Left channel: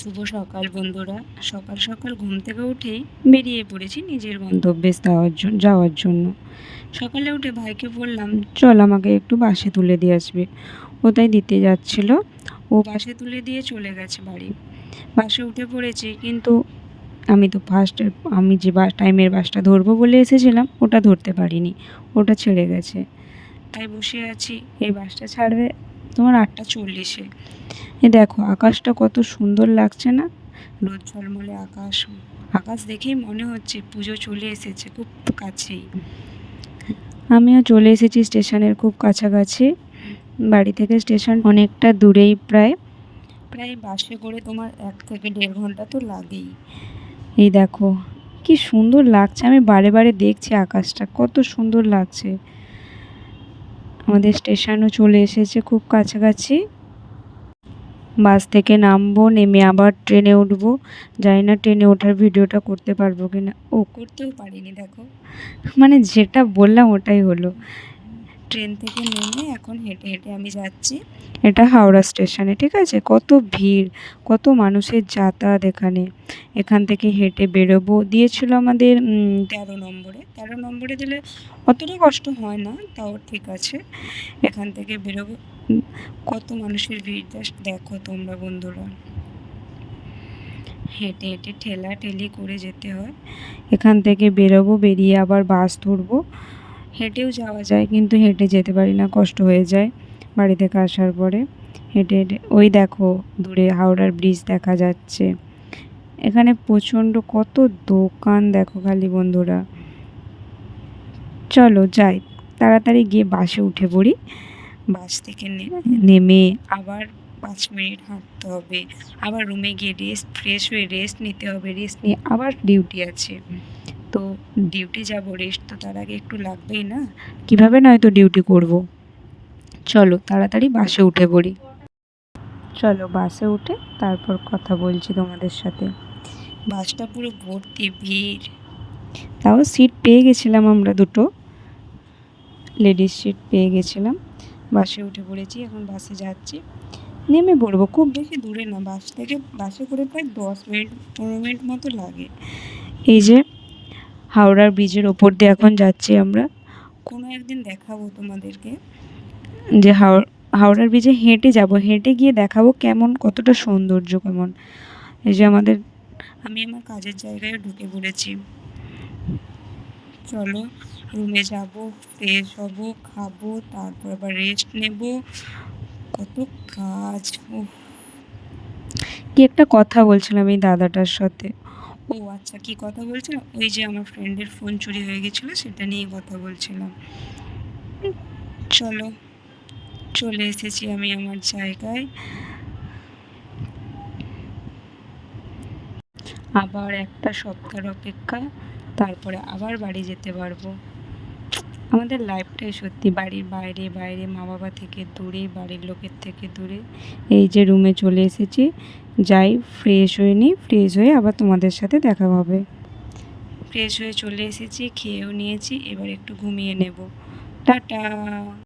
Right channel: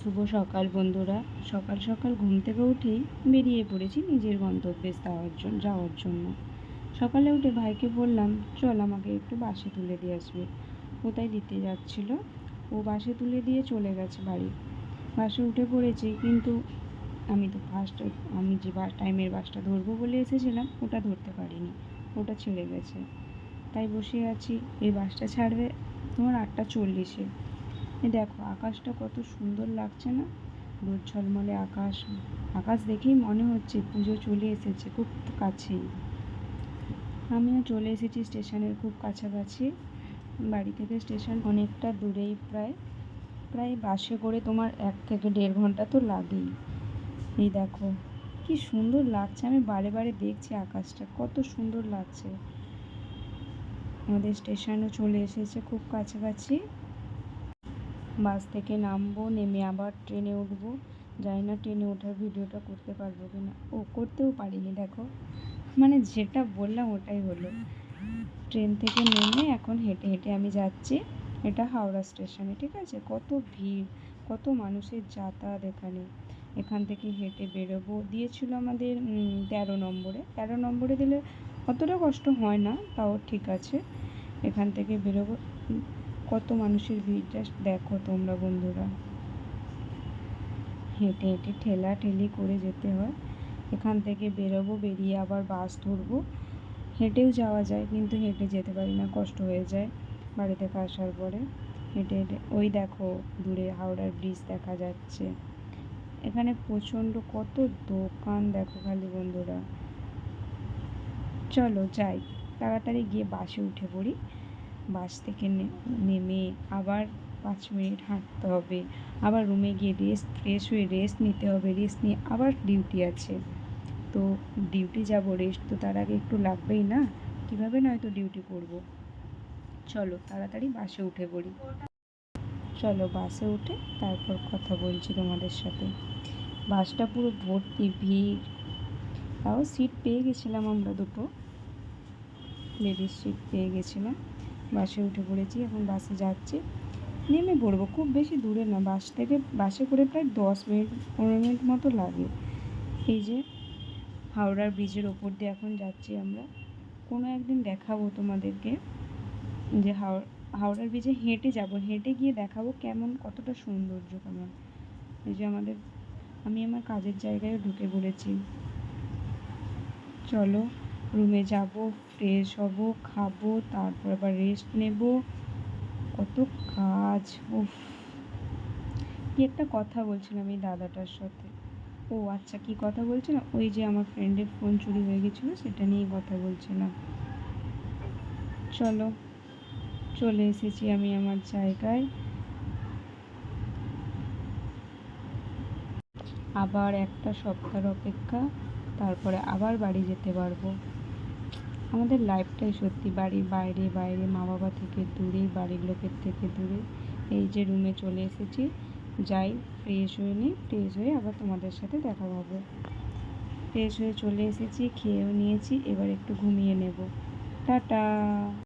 শুভ সকাল বন্ধুরা। সকাল সকাল ঘুম থেকে উঠেই বেরিয়ে পড়েছি নিজের গন্তব্যে যাওয়ার জন্য। সকালে উঠে ভাইকে বললাম, চল আমাকে একটু বাসে তুলে দিয়ে আসবে। ও তাই দিতে যাচ্ছিল। ও বাসে তুলে দিয়ে চলে গেছে বাড়ি। বাসে উঠে পড়েছি, কিন্তু আমি যে টাইমের বাসটা ধরবো বলে এসেছিলাম ওটা ধরতে পারিনি, ওটা ছেড়ে গেছে। তাই বসে আছি, এই বাসটা ছাড়বে তোমার 8:40-এ। দেখো আকাশটা কত সুন্দর লাগছে না? রোদ ঝলমলে আকাশ। আকাশ দেখেই মনে হচ্ছে পুজো চলে এসেছে খুব কাছেই। আমিও চলে এসেছি স্টেশনের খুব কাছাকাছি। বাড়ি থেকে স্টেশন অনেকটা দূরেই, প্রায় বাসে করে তোমার 1 থেকে 1.5 ঘন্টা তো লাগেই। এই দেখো কি সুন্দর লাগছে, আমি বারে বারে দেখছি আকাশটা কত সুন্দর লাগছে। আমাদের স্টেশনও চলে এসেছে খুব কাছাকাছি। বাস থেকে নামবো, নেমে আবার ট্রেনে উঠবো। জানি না ট্রেনে ওঠার ভিডিওটা করতে পারবো কি না। করতেও পারিনি, দেখো মানে যেটা বললাম ওটাই হলো। ট্রেন থেকে নেমে এখন হেঁটে হেঁটে আমি যাচ্ছি। এটা হাওড়া স্টেশনে, ঠিক আছে? কত ভিড়, কত মানুষের যাতায়াত এখানে। এখান থেকে হেঁটে বেরোবো দিয়েছিল আমাদের 13 নম্বরে দিলে অতটা কষ্ট হয় না, তাও ঠিক আছে। এখান থেকে বেরোবো। কত মানুষের ভিড় জাস্ট দেখো তোমরা বন্ধুরা। হেঁটে হেঁটে ঠেলাঠেলি করে যেতে হয়। এখান থেকে বেরোবো, বেরিয়ে আবার বাস ধরবো। হেঁটেও যাওয়া যায়, কিন্তু হেঁটে যেতে পারি না, কষ্ট হয়ে যায় বাড়ি থেকে আসার পরে। হেঁটে হেঁটে ওই দেখো দূরে হাওড়ার ব্রিজ দেখা যাচ্ছে। এখানে প্রচণ্ড কত দোকান দেখো খালি বন্ধুরা। চলো যাই, তাড়াতাড়ি গিয়ে বাসে উঠে পড়ি। বাস থেকে নেমে আবার 5 মিনিট হাঁটতে হবে, আবার রুমে গিয়ে ফ্রেশ হয়ে রেস্ট নিতে হবে। রেস্ট নিয়ে আবার ডিউটি আছে, তো ডিউটি যাব, রেস্ট তো তার আগে একটু লাগবেই না? কীভাবে নয়তো ডিউটি করব। চলো তাড়াতাড়ি বাসে উঠে পড়ি। চলো বাসে উঠে তারপর কথা বলছি তোমাদের সাথে। বাসটা পুরো ভর্তি ভিড়, তাও সিট পেয়ে গেছিলাম, আমরা 2টো লেডিস সিট পেয়ে গেছিলাম। বাসে উঠে পড়েছি, এখন বাসে যাচ্ছি, নেমে পড়বো। খুব বেশি দূরে না, বাসে করে প্রায় 10 মিনিট 15 মিনিট মতো লাগে। এই যে হাওড়ার ব্রিজের ওপর দিয়ে এখন যাচ্ছি আমরা। কোনো একদিন দেখাবো তোমাদেরকে যে হাওড়ার ব্রিজে হেঁটে যাব, হেঁটে গিয়ে দেখাবো কেমন, কতটা সৌন্দর্য কেমন। এই যে আমি আমার কাজের জায়গায় ঢুকে পড়েছি। চলো রুমে যাব, ফ্রেশ হব, খাবো, তারপর আবার রেস্ট নেব। কত কাজ। কি একটা কথা বলছিলাম এই দাদাটার সাথে। আচ্ছা, কি কথা বলছিলাম, ওই যে আমার ফ্রেন্ডের ফোন চুরি হয়ে গেছিলো সেটা নিয়ে কথা বলছিলাম। চলো চলে এসেছি আমি আমার জায়গায়। আবার একটা সপ্তাহের অপেক্ষা, তারপরে আবার বাড়ি যেতে পারবো। আমাদের লাইফটাই সত্যি বাড়ির বাইরে বাইরে, মা বাবা থেকে দূরে, বাড়ির লোকের থেকে দূরে। এই যে রুমে চলে এসেছি, যাই ফ্রেশ হয়ে নিই, ফ্রেশ হয়ে আবার তোমাদের সাথে দেখা হবে। ফ্রেশ হয়ে চলে এসেছি, খেয়েও নিয়েছি, এবার একটু ঘুমিয়ে নেব। টাটা।